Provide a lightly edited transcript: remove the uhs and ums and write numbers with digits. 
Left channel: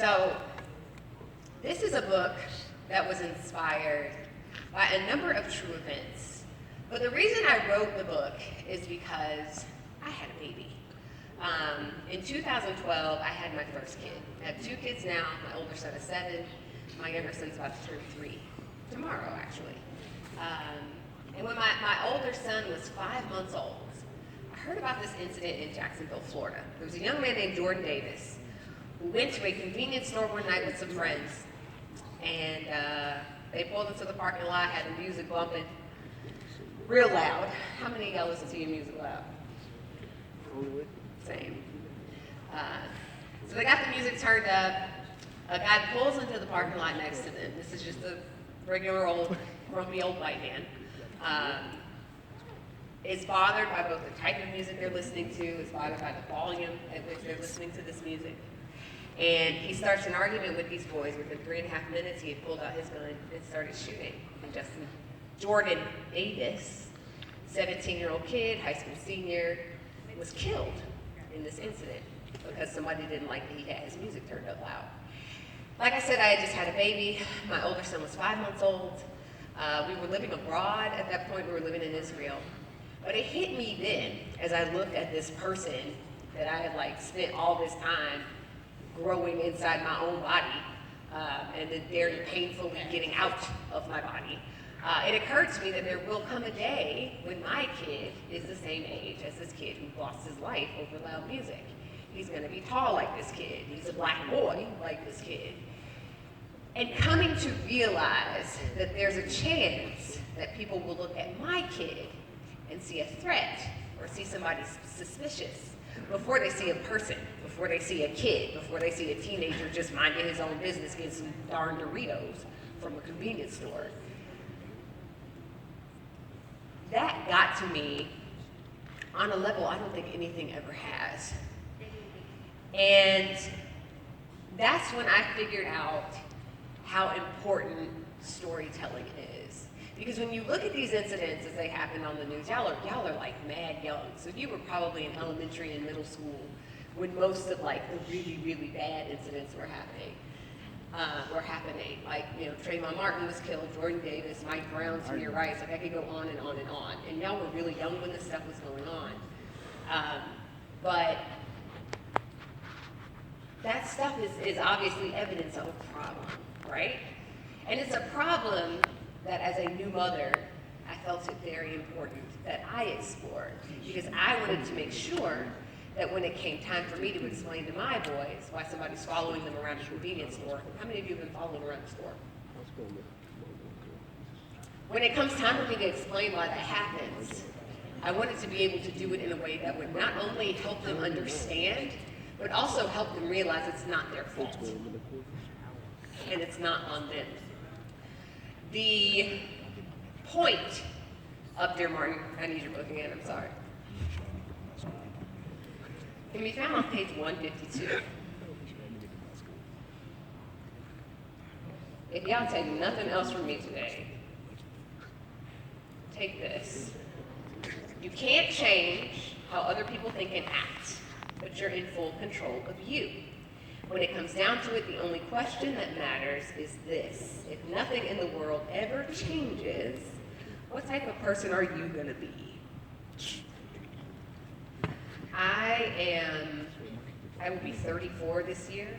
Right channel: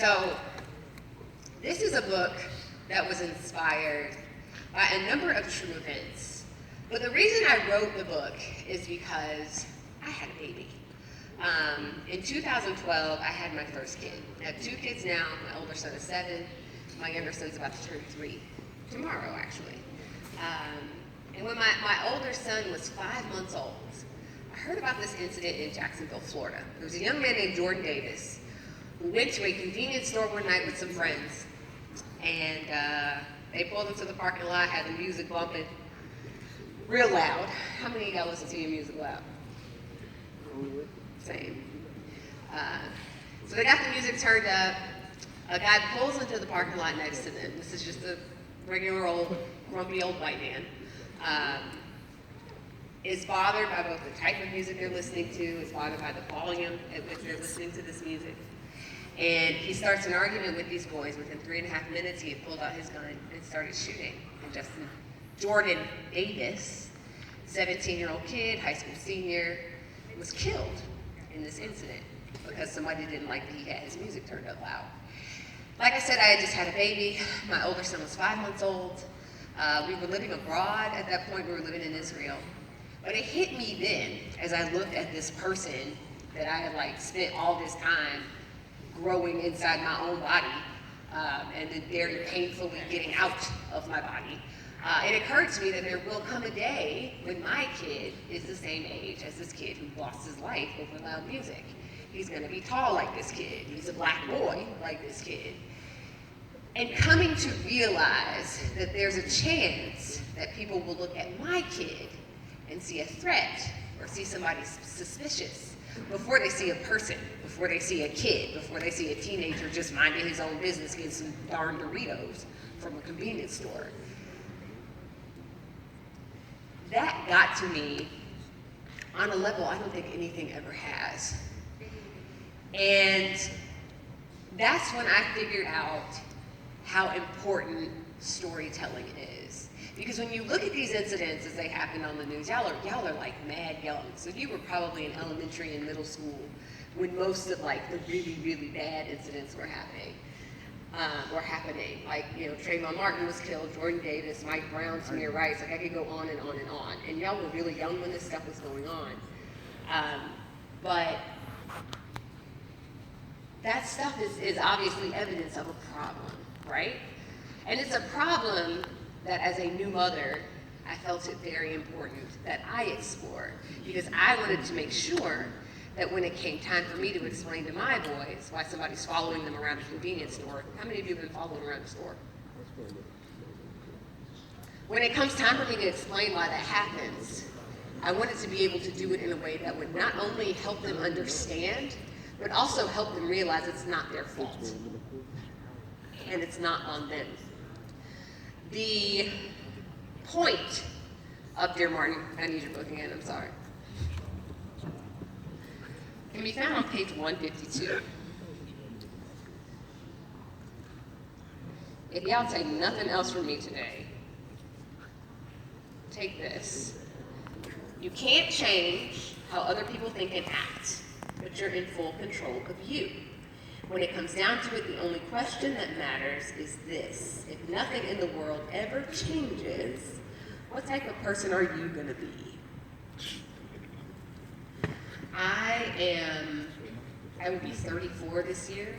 So this is a book that was inspired by a number of true events. But the reason I wrote the book is because I had a baby. In 2012, I had my first kid. I have two kids now. My older son is 7. My younger son's about to turn 3 tomorrow, actually. And when my older son was 5 months old, I heard about this incident in Jacksonville, Florida. There was a young man named Jordan Davis who went to a convenience store one night with some friends, and they pulled into the parking lot, had the music bumping real loud. How many of y'all listen to your music loud? Same. So they got the music turned up. A guy pulls into the parking lot next to them. This is just a regular old, grumpy old white man. Is bothered by both the type of music they're listening to, is bothered by the volume at which they're listening to this music. And he starts an argument with these boys. Within 3.5 minutes, he had pulled out his gun and started shooting. And Jordan Davis, 17-year-old kid, high school senior, was killed in this incident because somebody didn't like that he had his music turned up loud. Like I said, I had just had a baby. My older son was 5 months old. We were living abroad at that point. We were living in Israel. But it hit me then as I looked at this person that I had spent all this time growing inside my own body and then very painfully getting out of my body. It occurred to me that there will come a day when my kid is the same age as this kid who lost his life over loud music. He's going to be tall like this kid. He's a black boy like this kid. And coming to realize that there's a chance that people will look at my kid and see a threat or see somebody suspicious before they see a person, before they see a kid, before they see a teenager just minding his own business getting some darn Doritos from a convenience store. That got to me on a level I don't think anything ever has. And that's when I figured out how important storytelling is. Because when you look at these incidents as they happen on the news, y'all are like mad young. So you were probably in elementary and middle school when most of the really, really bad incidents were happening. Like, Trayvon Martin was killed, Jordan Davis, Mike Brown, Samir Rice, I could go on and on and on. And y'all were really young when this stuff was going on. But that stuff is obviously evidence of a problem, right? And it's a problem that as a new mother, I felt it very important that I explored, because I wanted to make sure that when it came time for me to explain to my boys why somebody's following them around a convenience store, how many of you have been following around the store? When it comes time for me to explain why that happens, I wanted to be able to do it in a way that would not only help them understand, but also help them realize it's not their fault. And it's not on them. The point of Dear Martin, I need your book again, I'm sorry, can be found on page 152. If y'all take nothing else from me today, take this. You can't change how other people think and act, but you're in full control of you. When it comes down to it, the only question that matters is this: if nothing in the world ever changes, what type of person are you going to be? I will be 34 this year.